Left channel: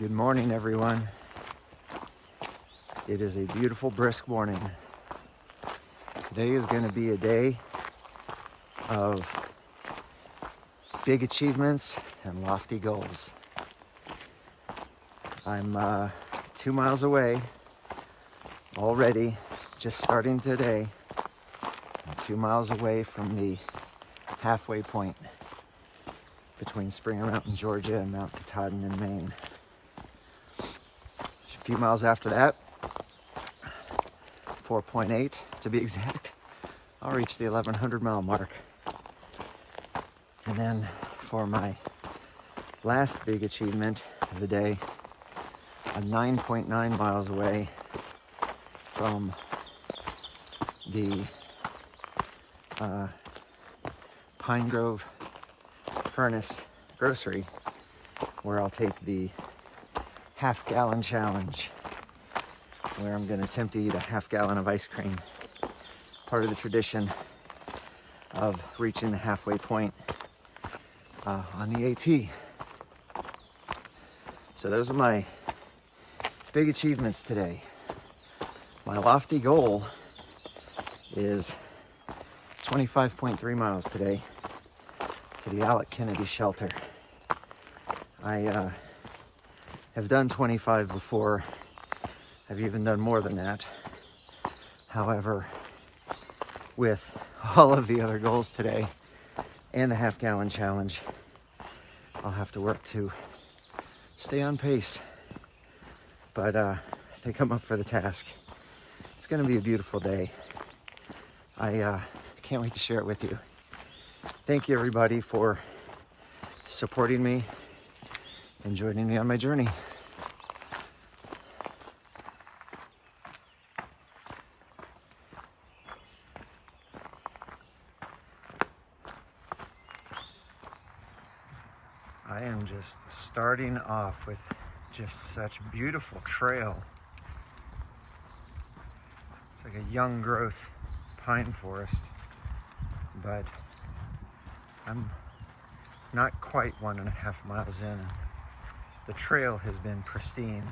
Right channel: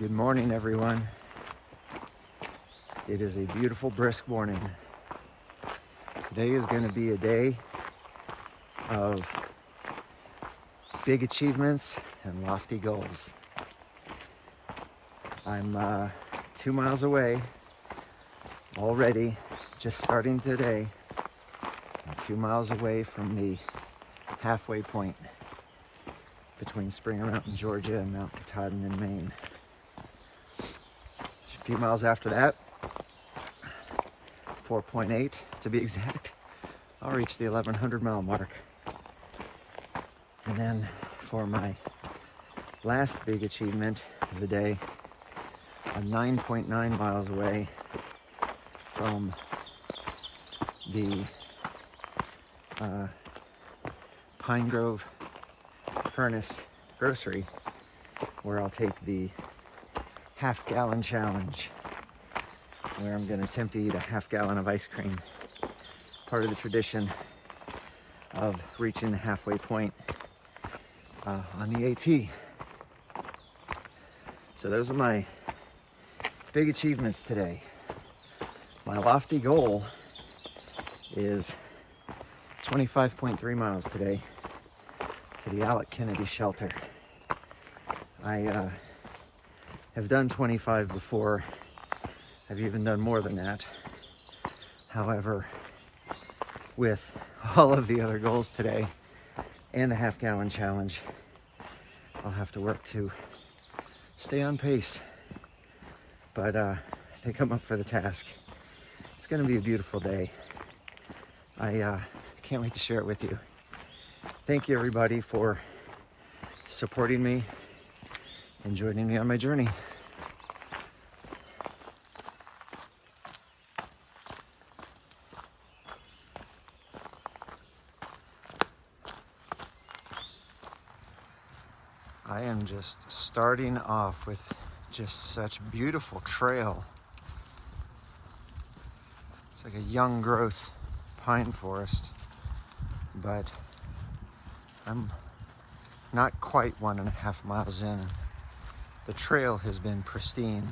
Good morning, everyone. It is a beautiful, brisk morning. Today is going to be a day of big achievements and lofty goals. I'm 2 miles away already, just starting today. I'm 2 miles away from the halfway point between Springer Mountain, Georgia and Mount Katahdin in Maine. A few miles after that, 4.8 to be exact, I'll reach the 1,100 mile mark. And then for my last big achievement of the day, I'm 9.9 miles away from the Pine Grove Furnace Grocery, where I'll take the half-gallon challenge, where I'm going to attempt to eat a half-gallon of ice cream. Part of the tradition of reaching the halfway point on the AT. So those are my big achievements today. My lofty goal is 25.3 miles today to the Alec shelter. I have done 25 before. I've even done more than that. However, with all of the other goals today and the half-gallon challenge, I'll have to work to stay on pace. But I think I'm up for the task. It's going to be a beautiful day. I can't wait to share it with you. Thank you, everybody, for supporting me and joining me on my journey. I am just starting off with just such beautiful trail. It's like a young growth pine forest, but I'm not quite 1.5 miles in. The trail has been pristine.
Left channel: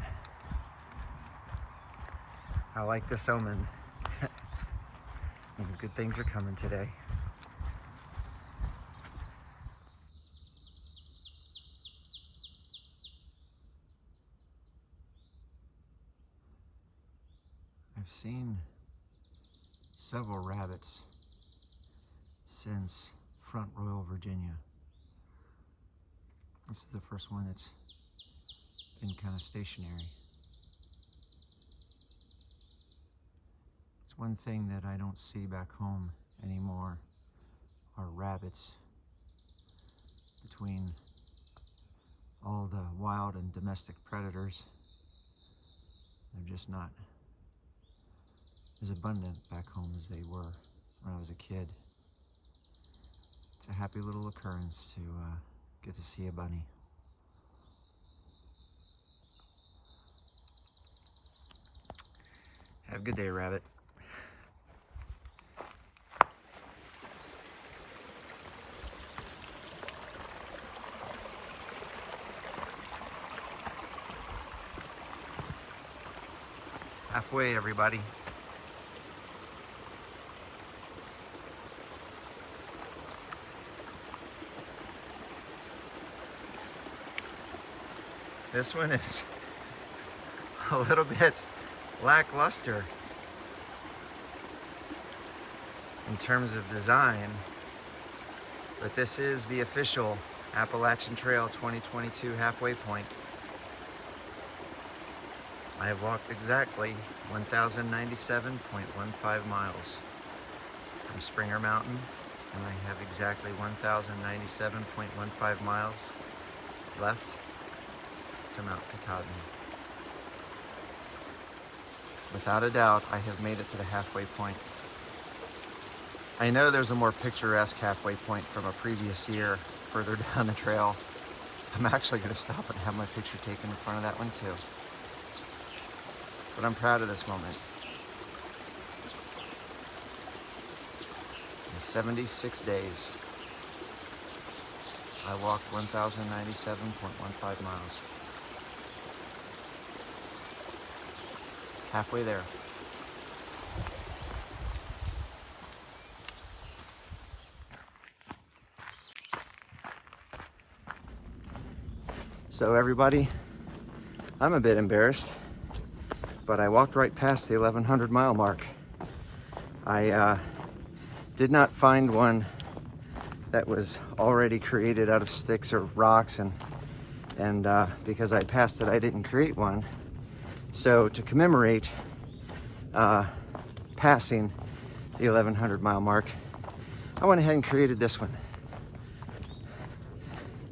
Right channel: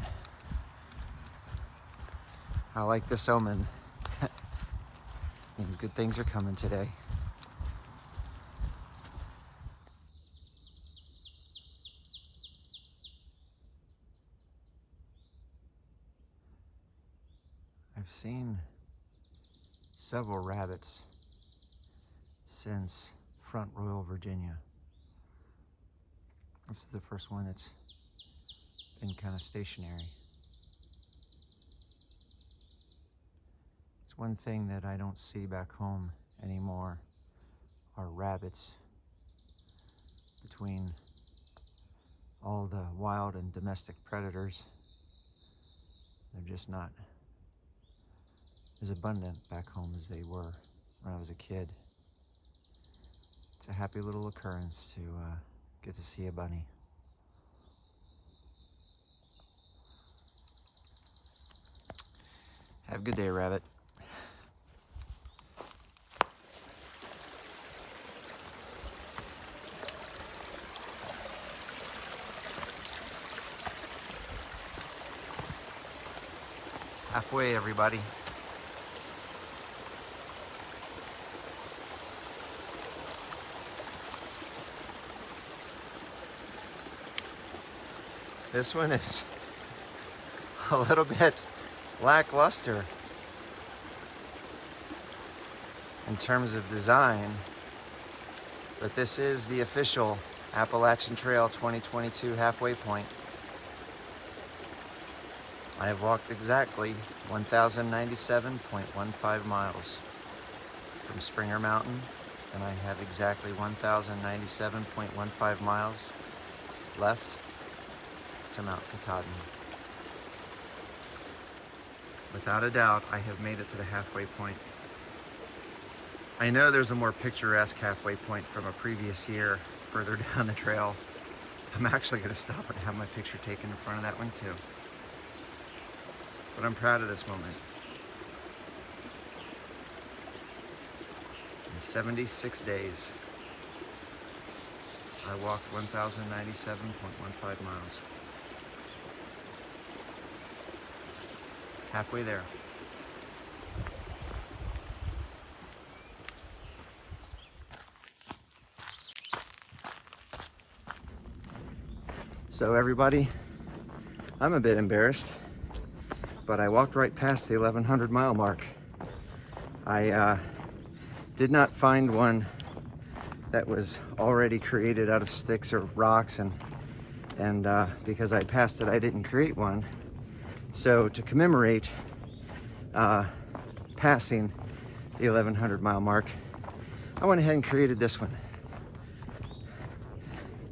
I like this omen. Means good things are coming today. I've seen several rabbits since Front Royal, Virginia. This is the first one that's been kind of stationary. It's one thing that I don't see back home anymore are rabbits. Between all the wild and domestic predators, they're just not as abundant back home as they were when I was a kid. It's a happy little occurrence to get to see a bunny. Have a good day, rabbit. Halfway, everybody. This one is a little bit lackluster in terms of design, but this is the official Appalachian Trail 2022 halfway point. I have walked exactly 1,097.15 miles from Springer Mountain, and I have exactly 1,097.15 miles left to Mount Katahdin. Without a doubt, I have made it to the halfway point. I know there's a more picturesque halfway point from a previous year further down the trail. I'm actually going to stop and have my picture taken in front of that one too. But I'm proud of this moment. In 76 days, I walked 1,097.15 miles. Halfway there. So everybody, I'm a bit embarrassed, but I walked right past the 1100 mile mark. I did not find one that was already created out of sticks or rocks, and because I passed it, I didn't create one. So to commemorate passing the 1100 mile mark, I went ahead and created this one.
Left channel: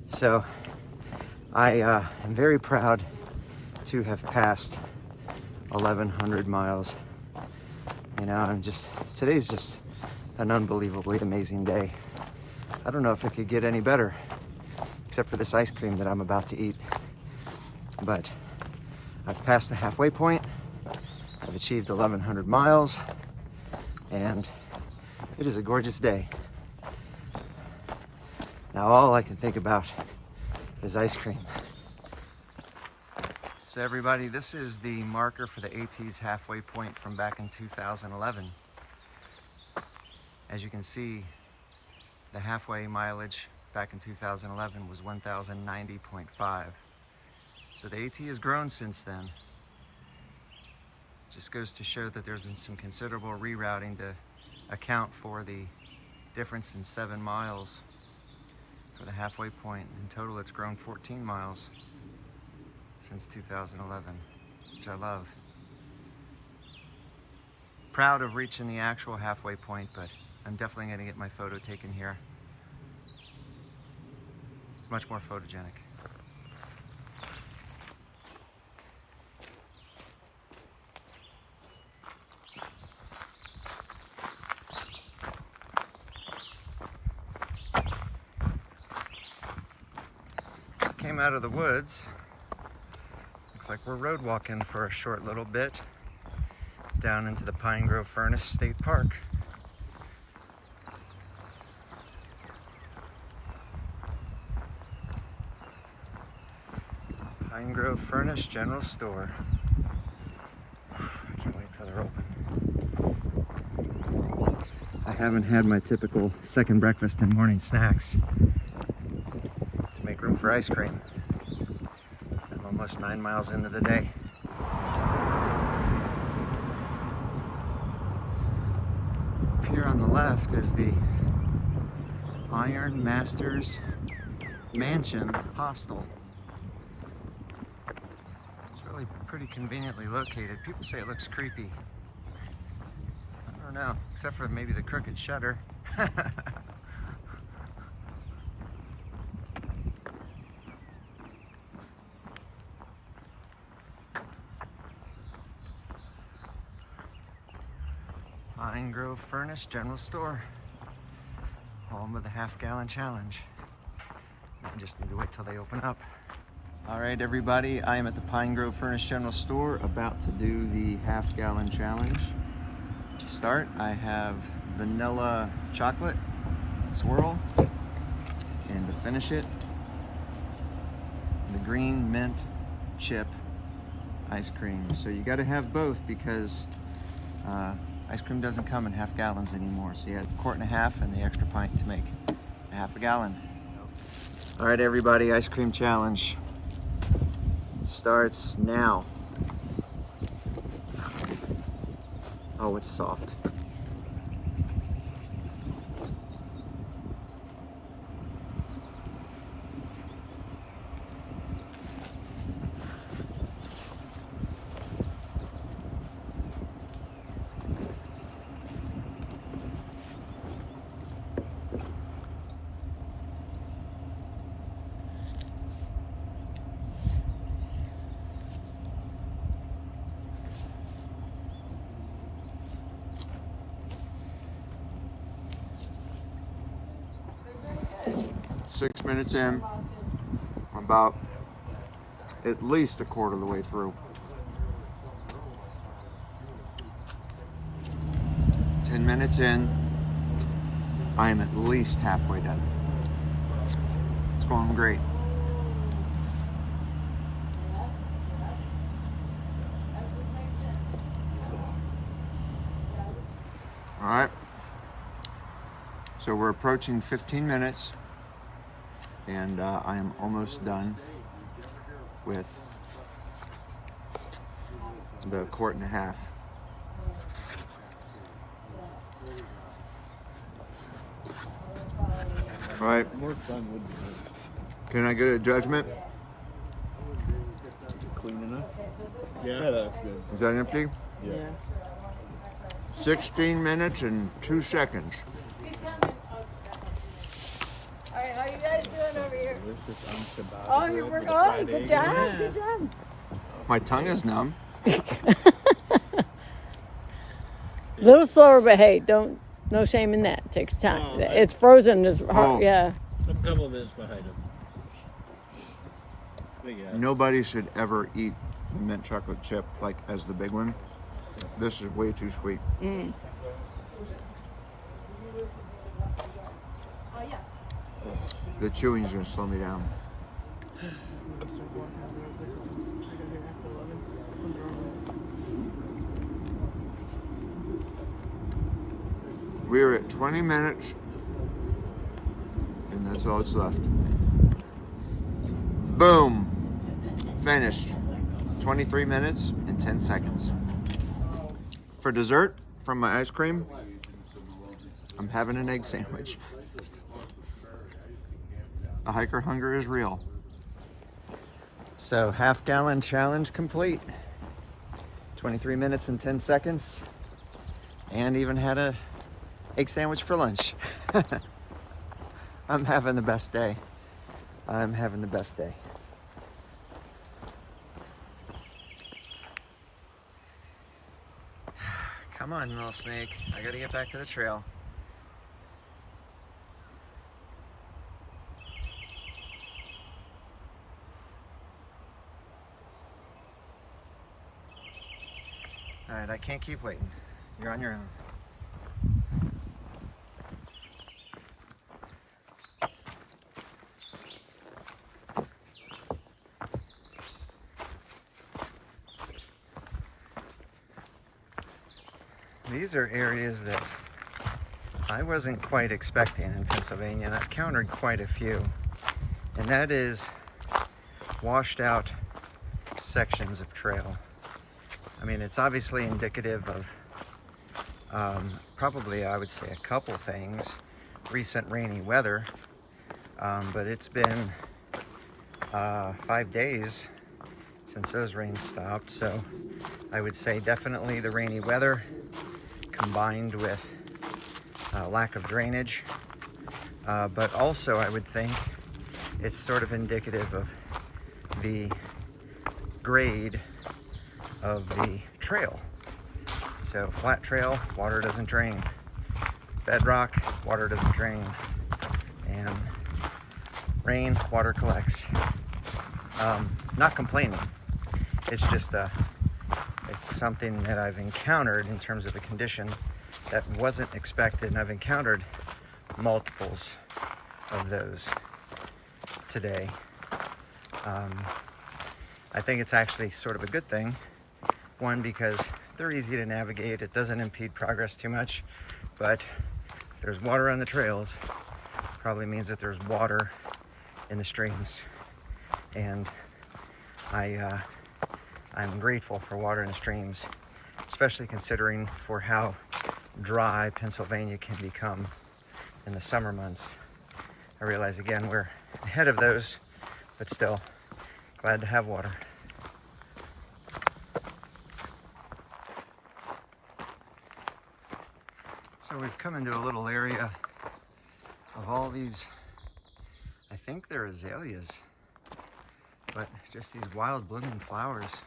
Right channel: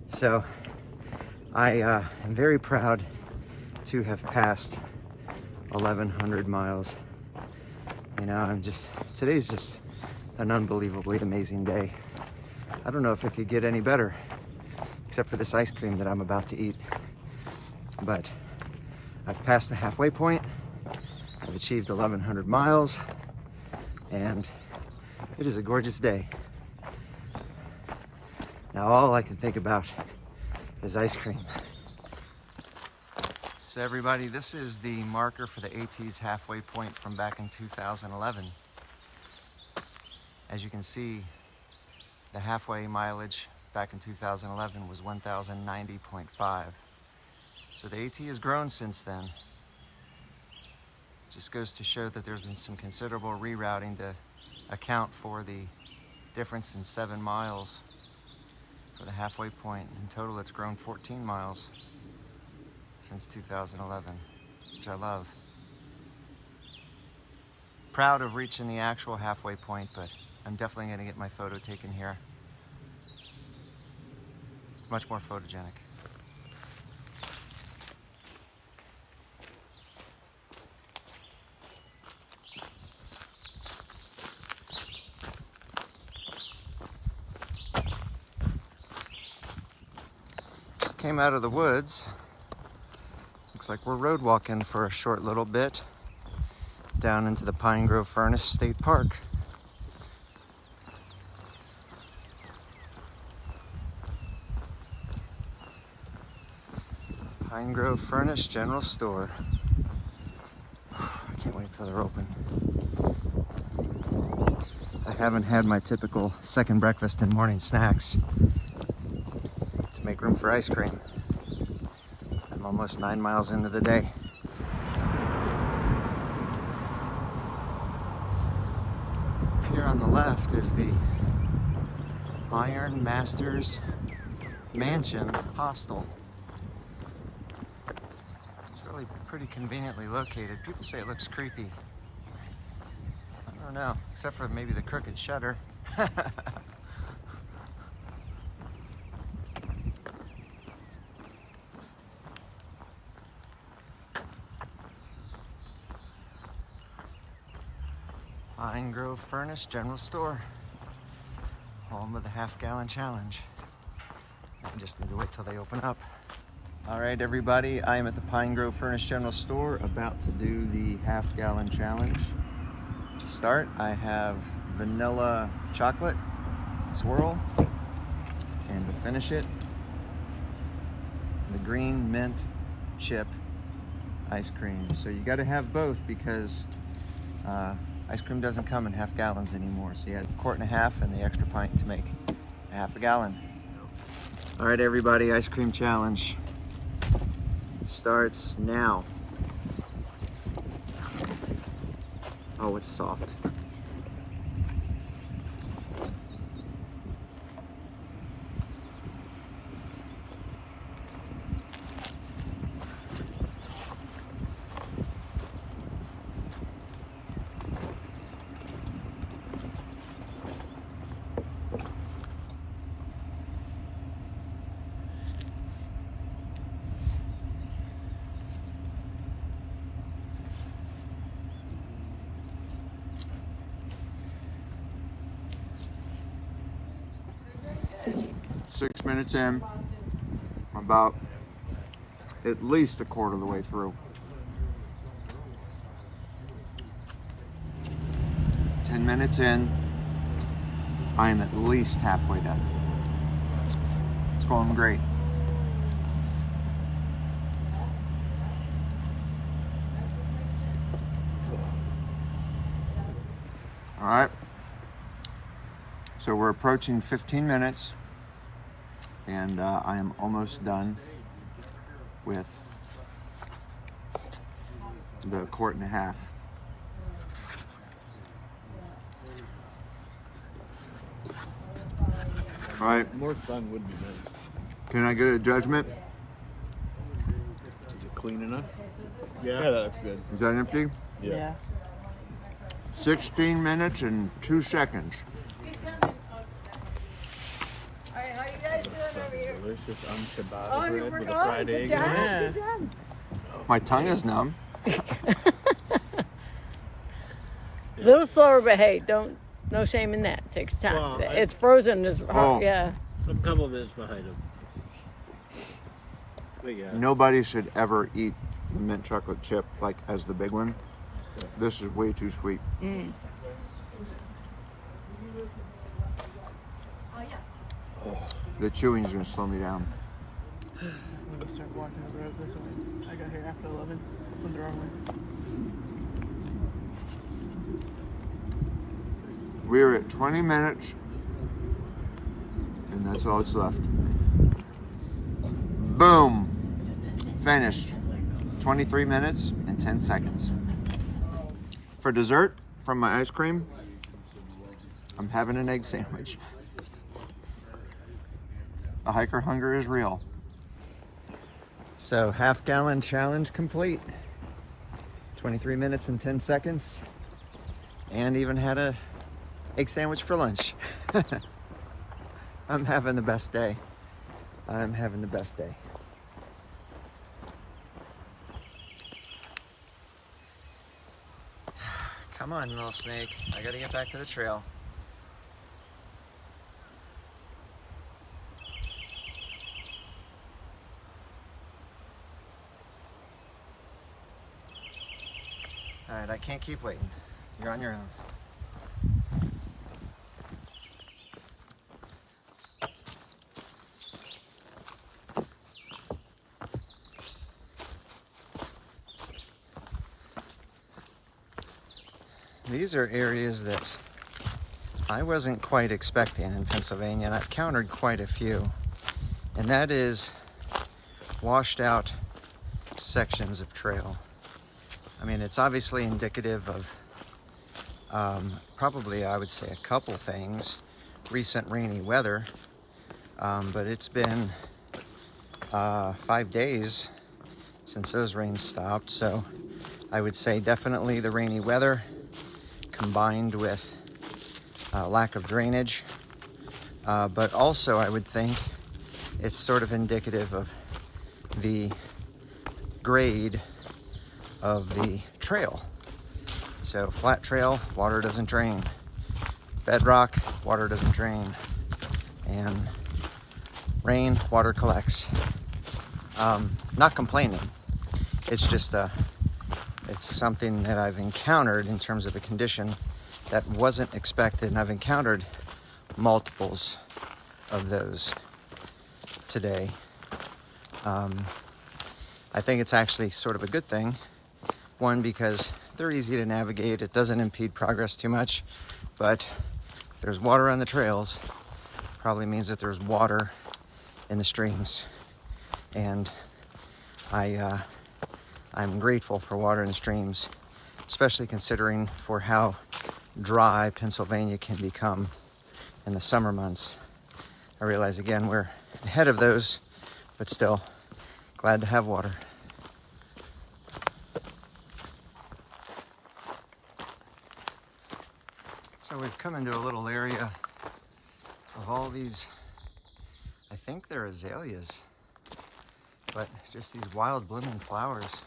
So I am very proud to have passed 1100 miles. You know, today's just an unbelievably amazing day. I don't know if it could get any better, except for this ice cream that I'm about to eat. But I've passed the halfway point. I've achieved 1100 miles, and it is a gorgeous day. Now all I can think about is ice cream. So everybody, this is the marker for the AT's halfway point from back in 2011. As you can see, the halfway mileage back in 2011 was 1,090.5. So the AT has grown since then. Just goes to show that there's been some considerable rerouting to account for the difference in 7 miles for the halfway point. In total, it's grown 14 miles since 2011, which I love. Proud of reaching the actual halfway point, but I'm definitely going to get my photo taken here. It's much more photogenic. Just came out of the woods. Looks like we're road walking for a short little bit down into the Pine Grove Furnace State Park. Pine Grove Furnace General Store. I can't wait till they're open. I haven't had my typical second breakfast and morning snacks to make room for ice cream. I'm almost 9 miles into the day. Up here on the left is the Iron Masters Mansion Hostel. It's really pretty conveniently located. People say it looks creepy. I don't know, except for maybe the crooked shutter. Pine Grove Furnace General Store, home of the half-gallon challenge. I just need to wait till they open up. All right, everybody, I am at the Pine Grove Furnace General Store, about to do the half-gallon challenge. To start, I have vanilla chocolate swirl, and to finish it, the green mint chip ice cream. So you got to have both because ice cream doesn't come in half gallons anymore. So you had a quart and a half and the extra pint to make a half a gallon. All right, everybody, ice cream challenge starts now. Oh, it's soft. Six minutes in, about at least a quarter of the way through. 10 minutes in, I am at least halfway done. It's going great. All right. So we're approaching 15 minutes, and I am almost done with the 1.5 quarts. All right. Can I get a judgment? Is it clean enough? Yeah, that's good. Is that empty? Yeah. 16 minutes and 2 seconds. Alright, how you guys doing over here? Delicious unshabbat Oh, you're bread with working. a Oh, fried good egg. job. Yeah. Good job. My tongue is numb. A little slower, but hey, no shame in that. It takes time. Well, It's frozen. It's hard. Oh. Yeah. A couple of minutes behind him. But yeah. Nobody should ever eat the mint chocolate chip like as the big one. This is way too sweet. The chewing is going to slow me down. We're at 20 minutes, and that's all that's left. Boom! Finished. 23 minutes and 10 seconds. For dessert, from my ice cream, I'm having an egg sandwich. The hiker hunger is real. So, half-gallon challenge complete. 23 minutes and 10 seconds. And even had a egg sandwich for lunch. I'm having the best day. I'm having the best day. Come on, little snake. I gotta get back to the trail. All right, I can't keep waiting. You're on your own. These are areas that I wasn't quite expecting in Pennsylvania, and I've countered quite a few. And that is washed out sections of trail. I mean, it's obviously indicative of probably, I would say, a couple things. Recent rainy weather, but it's been 5 days since those rains stopped. So I would say definitely the rainy weather combined with lack of drainage. But also I would think it's sort of indicative of the grade of the trail. So flat trail, water doesn't drain. Bedrock, water doesn't drain. And rain, water collects. Not complaining. It's just it's something that I've encountered in terms of the condition that wasn't expected, and I've encountered multiples of those today. I think it's actually sort of a good thing. One, because they're easy to navigate. It doesn't impede progress too much. But if there's water on the trails, probably means that there's water in the streams. And I'm grateful for water in the streams, especially considering for how dry Pennsylvania can become in the summer months. I realize, again, we're ahead of those, but still glad to have water. So we've come into a little area of all these, I think they're azaleas, but just these wild blooming flowers.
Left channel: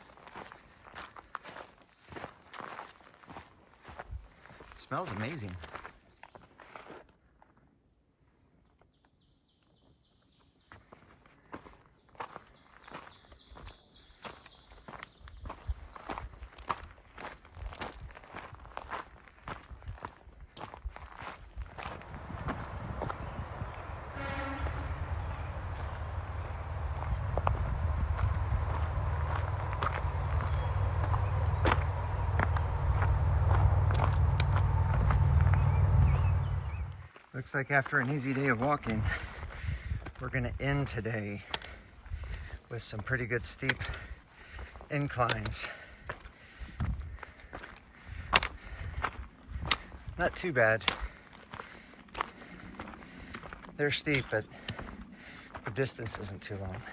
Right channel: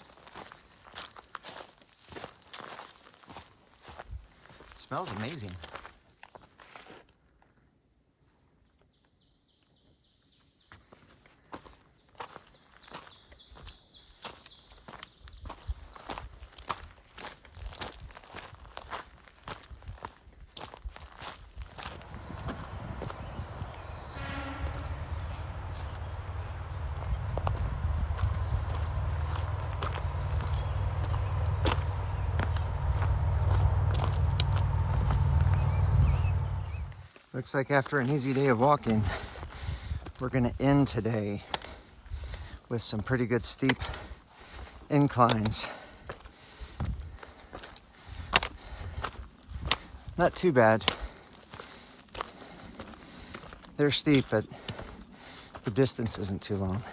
It smells amazing. Looks like after an easy day of walking, we're gonna end today with some pretty good steep inclines. Not too bad. They're steep, but the distance isn't too long.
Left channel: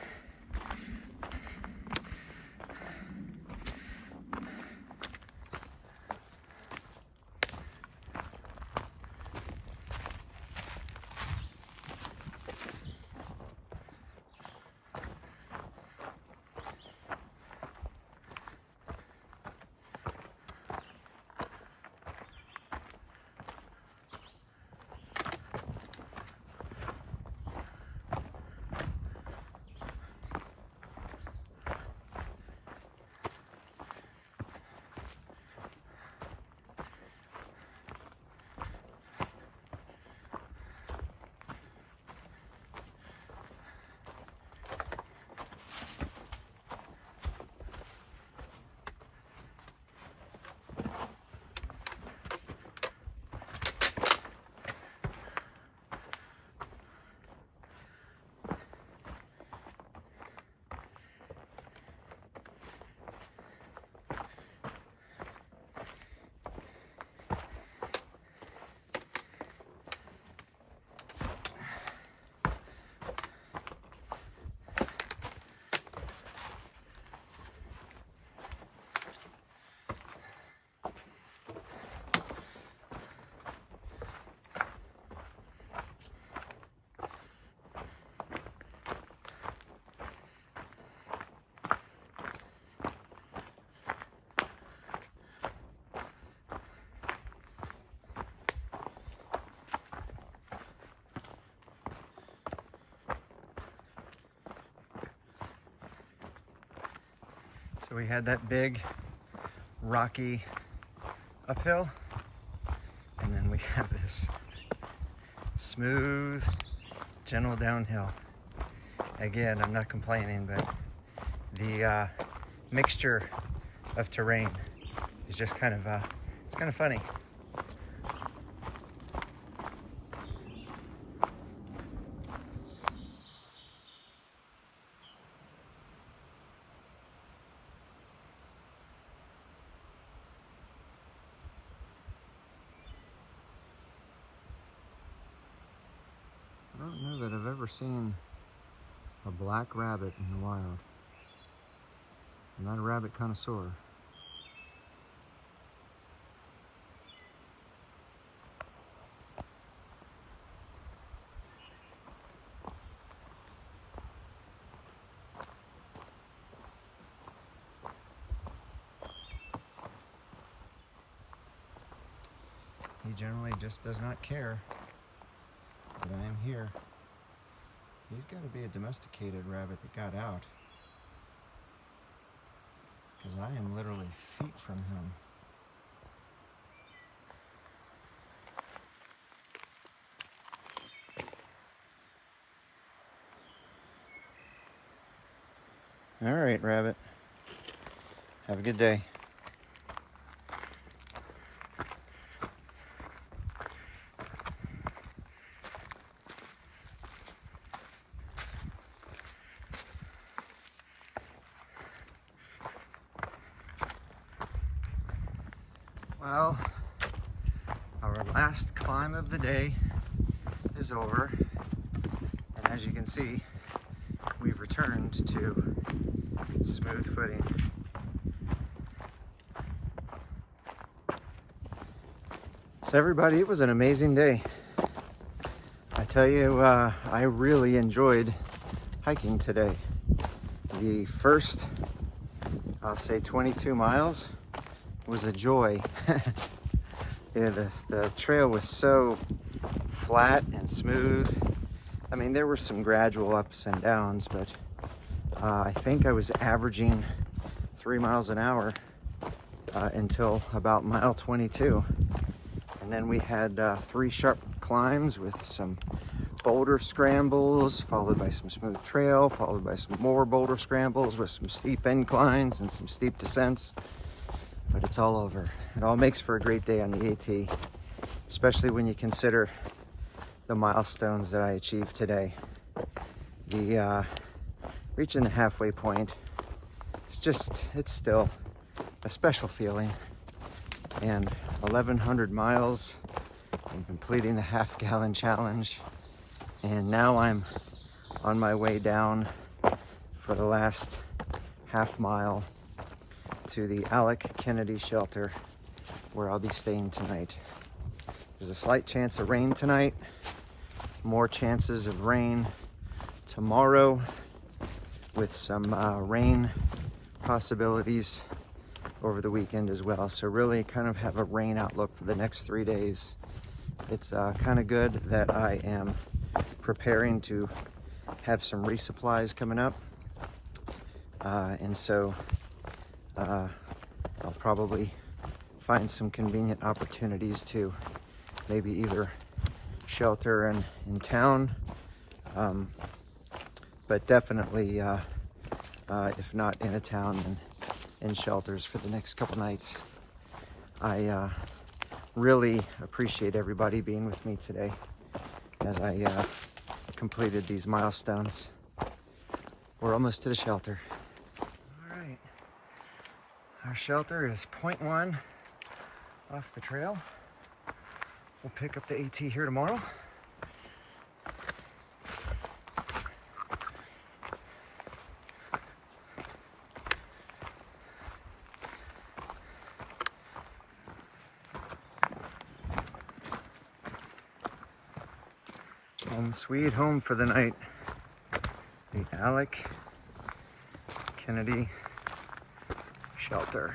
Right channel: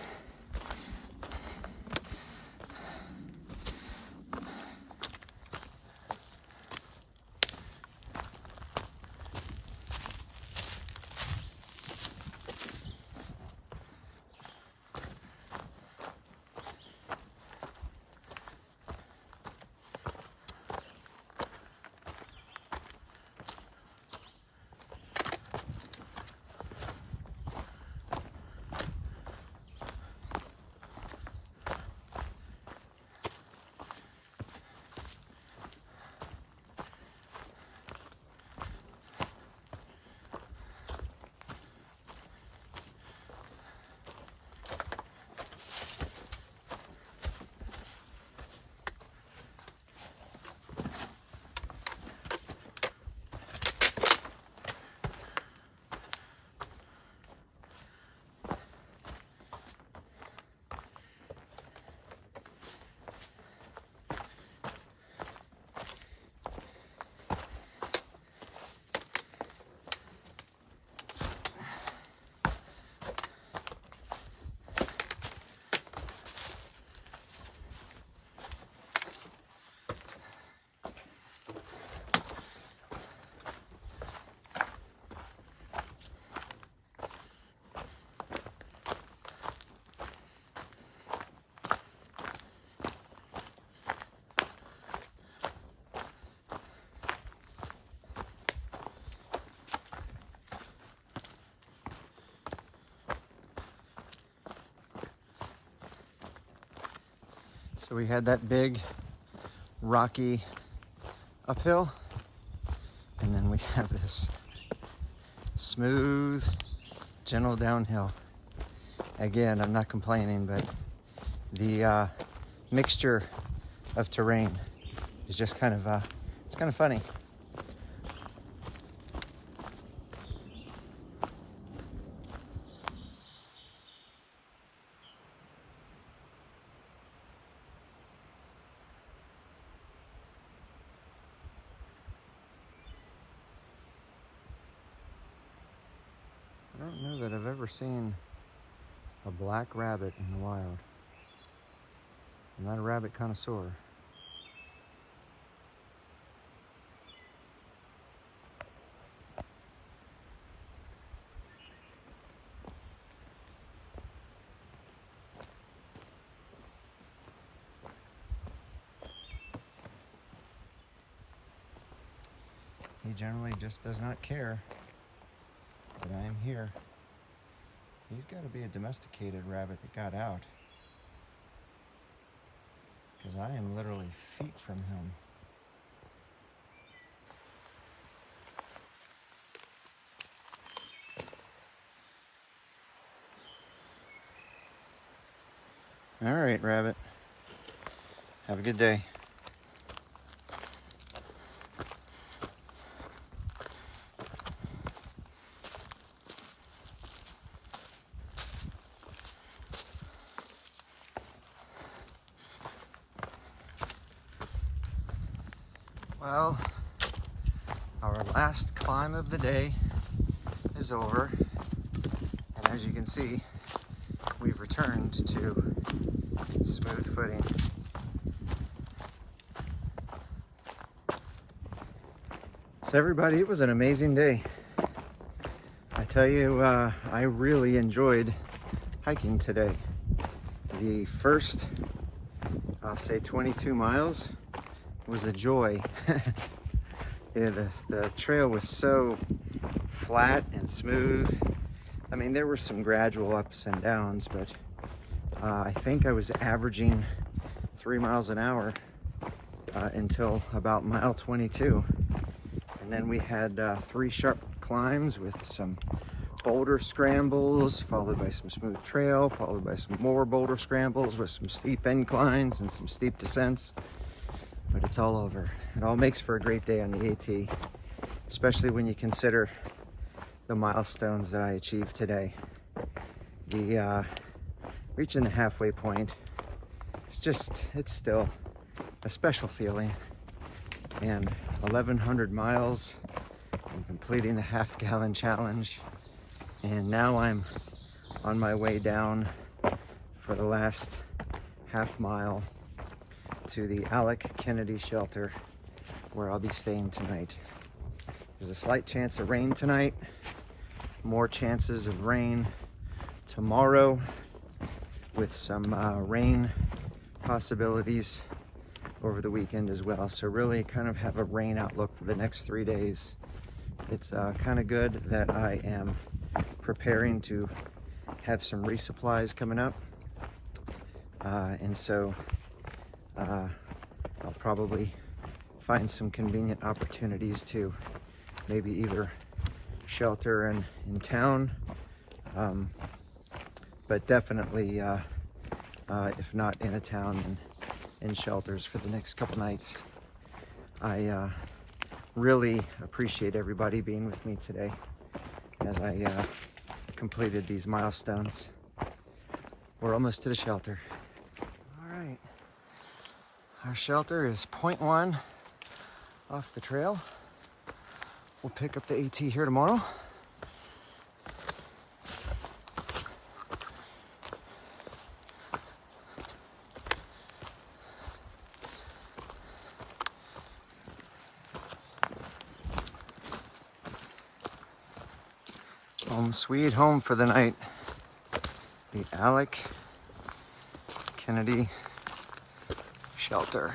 So we had that big rocky uphill, and then we have this smooth, gentle downhill. Again, I'm not complaining, but the mixture of terrain is just kind of, it's kind of funny. I don't know that I've ever seen a black rabbit in the wild. I'm not a rabbit connoisseur. He generally just does not care that I am here. He's got to be a domesticated rabbit that got out, because I am literally feet from him. All right, rabbit. Have a good day. Well, our last climb of the day is over, and as you can see, we've returned to smooth footing. So everybody, it was an amazing day. I tell you, I really enjoyed hiking today. The first, I'll say 22 miles was a joy. Yeah, the trail was so flat and smooth. I mean, there were some gradual ups and downs, but I think I was averaging 3 miles an hour until about mile 22. And then we had 3 sharp climbs with some boulder scrambles, followed by some smooth trail, followed by some more boulder scrambles with some steep inclines and some steep descents. But it's all over. It all makes for a great day on the AT, especially when you consider the milestones that I achieved today. The reaching the halfway point, it's still a special feeling. And 1,100 miles and completing the half-gallon challenge. And now I'm on my way down for the last half mile to the Alec Kennedy shelter where I'll be staying tonight. There's a slight chance of rain tonight, more chances of rain tomorrow with some rain possibilities over the weekend as well. So really kind of have a rain outlook for the next 3 days. It's kind of good that I am preparing to have some resupplies coming up. And so I'll probably find some convenient opportunities to maybe either shelter in town, but definitely if not in a town, then in shelters for the next couple nights. I really appreciate everybody being with me today as I completed these milestones. We're almost to the shelter. All right, our shelter is 0.1 off the trail. We'll pick up the AT here tomorrow. Home sweet home for the night. The Alec Kennedy shelter.